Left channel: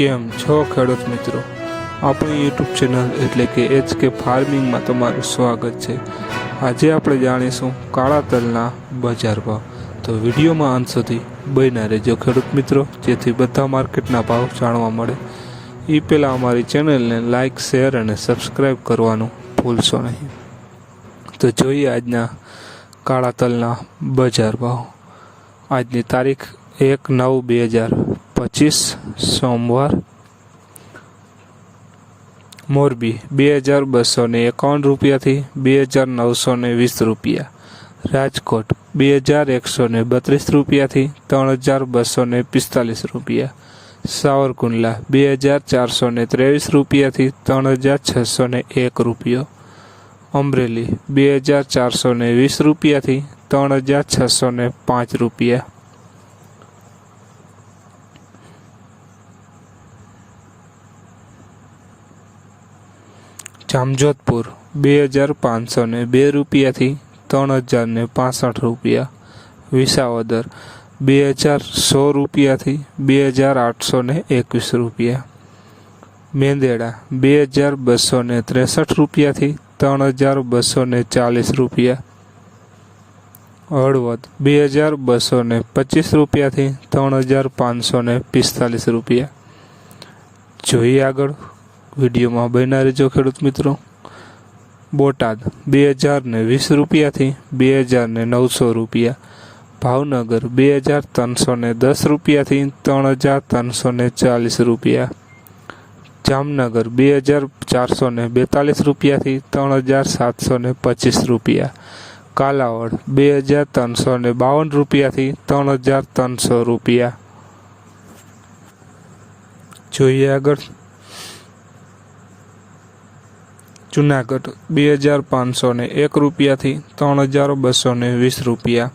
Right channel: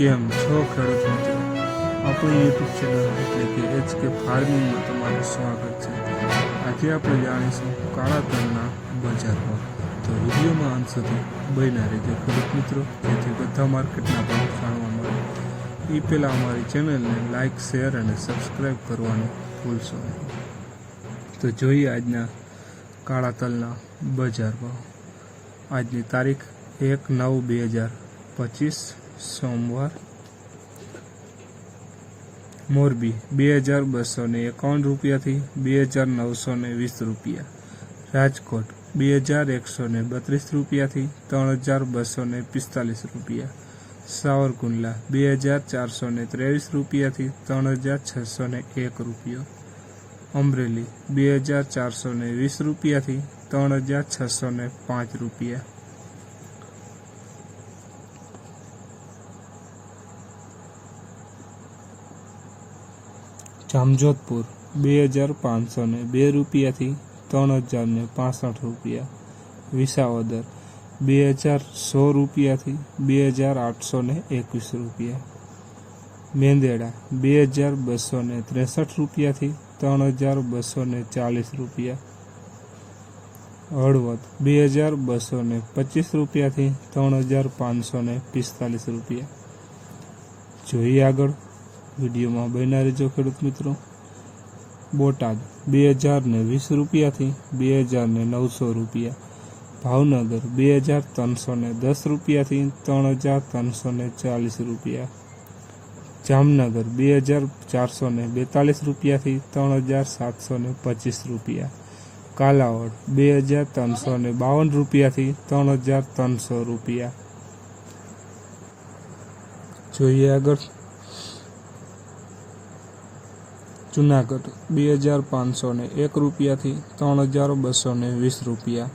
કેમ છો ખેડૂત મિત્રો? આપણી યુટ્યુબ ચેનલ એટલે કે એચ કે ફાર્મિંગમાં તમારું સ્વાગત છે. આજે આપણે જાણીશું કાળા તલના બજાર ભાવ. તો વિડીયોમાં અંત સુધી બન્યા રહેજો ખેડૂત મિત્રો, જેથી બધા માર્કેટના ભાવ જાણવા મળે. એ પહેલાં અમારી ચેનલને લાઇક શેર અને સબસ્ક્રાઈબ કરવાનું ભૂલશો નહીં. તો જોઈએ આજના કાળા તલના બજાર ભાવ. આજની તારીખ એક નવ બે હજાર પચીસ સોમવાર મોરબી બે હજાર બસો ને એકાવન રૂપિયાથી બે હજાર નવસો ને વીસ રૂપિયા રાજકોટ બે હજાર એકસો ને બત્રીસ રૂપિયાથી ત્રણ હજાર બસો ને પિસ્તાલીસ રૂપિયા સાવરકુંડલા બે હજાર ચારસો ને ત્રેવીસ રૂપિયાથી ત્રણ હજાર છસો ને એક રૂપિયો અમરેલી બે હજાર ચારસો ને વીસ રૂપિયાથી ત્રણ હજાર છસો ને પાંચ રૂપિયા જામજોધપુર, બે હજાર પાંચસો ને બે રૂપિયાથી ત્રણ હજાર ને પાસઠ રૂપિયા. વિસાવદર, બે હજાર સો રૂપિયાથી બે હજાર આઠસો ને એકવીસ રૂપિયા. મેંદેડા, બે હજાર બસો ને ત્રેસઠ રૂપિયાથી ત્રણ હજાર બસો ને ચાલીસ રૂપિયા. હળવદ, બે હજાર બસો ને પચીસ રૂપિયાથી ત્રણ હજાર પાંચસો ને પિસ્તાલીસ રૂપિયા. જોઈએ આગળ. વિડીયોમાં બન્યા રહેજો ખેડૂત મિત્રો. બોટાદ, બે હજાર ને વીસ રૂપિયાથી બે હજાર ને નવસો રૂપિયા. ભાવનગર, બે હજાર ત્રણસો ને દસ રૂપિયાથી ત્રણ હજાર ત્રણસો ને ચાલીસ રૂપિયા. જામનગર, બે હજાર ચારસો ને બેતાલીસ રૂપિયાથી ત્રણ હજાર સાતસો ને પચીસ રૂપિયા. કાલાવડ, બે હજાર ત્રણસો ને બાવન રૂપિયાથી ત્રણ હજાર ત્રણસો રૂપિયા. જોઈએ આગળ. જુનાગઢ, બે હજાર પાંચસો ને એક રૂપિયાથી ત્રણ હજાર બસો ને વીસ રૂપિયા.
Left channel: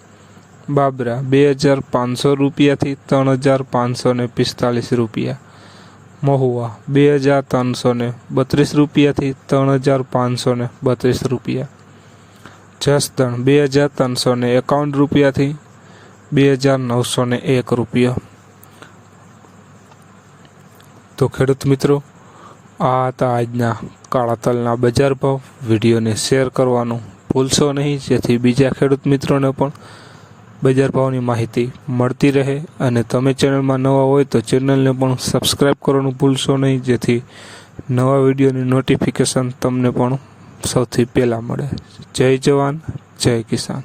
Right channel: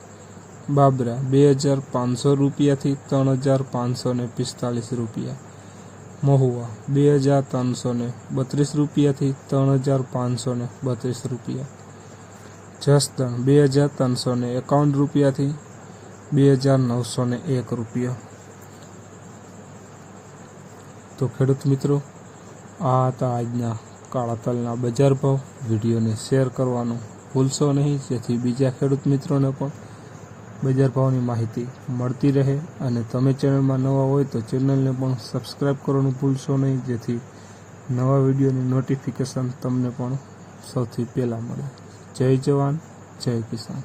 બાબરા, બે હજાર પાંચસો રૂપિયાથી ત્રણ હજાર પાંચસો ને પિસ્તાલીસ રૂપિયા. મહુવા, બે હજાર ત્રણસો ને બત્રીસ રૂપિયાથી ત્રણ હજાર પાંચસો ને બત્રીસ રૂપિયા. જસદણ, બે હજાર ત્રણસો ને એકાવન રૂપિયાથી બે હજાર નવસો ને એક રૂપિયા. તો ખેડૂત મિત્રો આ હતા આજના કાળા તલના બજાર ભાવ. વિડીયોને શેર કરવાનું ભૂલશો નહીં. જેથી બીજા ખેડૂત મિત્રોને પણ બજાર ભાવની માહિતી મળતી રહે. અને તમે ચેનલમાં નવા હોય તો ચેનલને પણ સબસ્ક્રાઈબ કરવાનું ભૂલશો નહીં. જેથી નવા વિડીયોની નોટિફિકેશન તમને પણ સૌથી પહેલાં મળે. જય જવાન, જય કિસાન.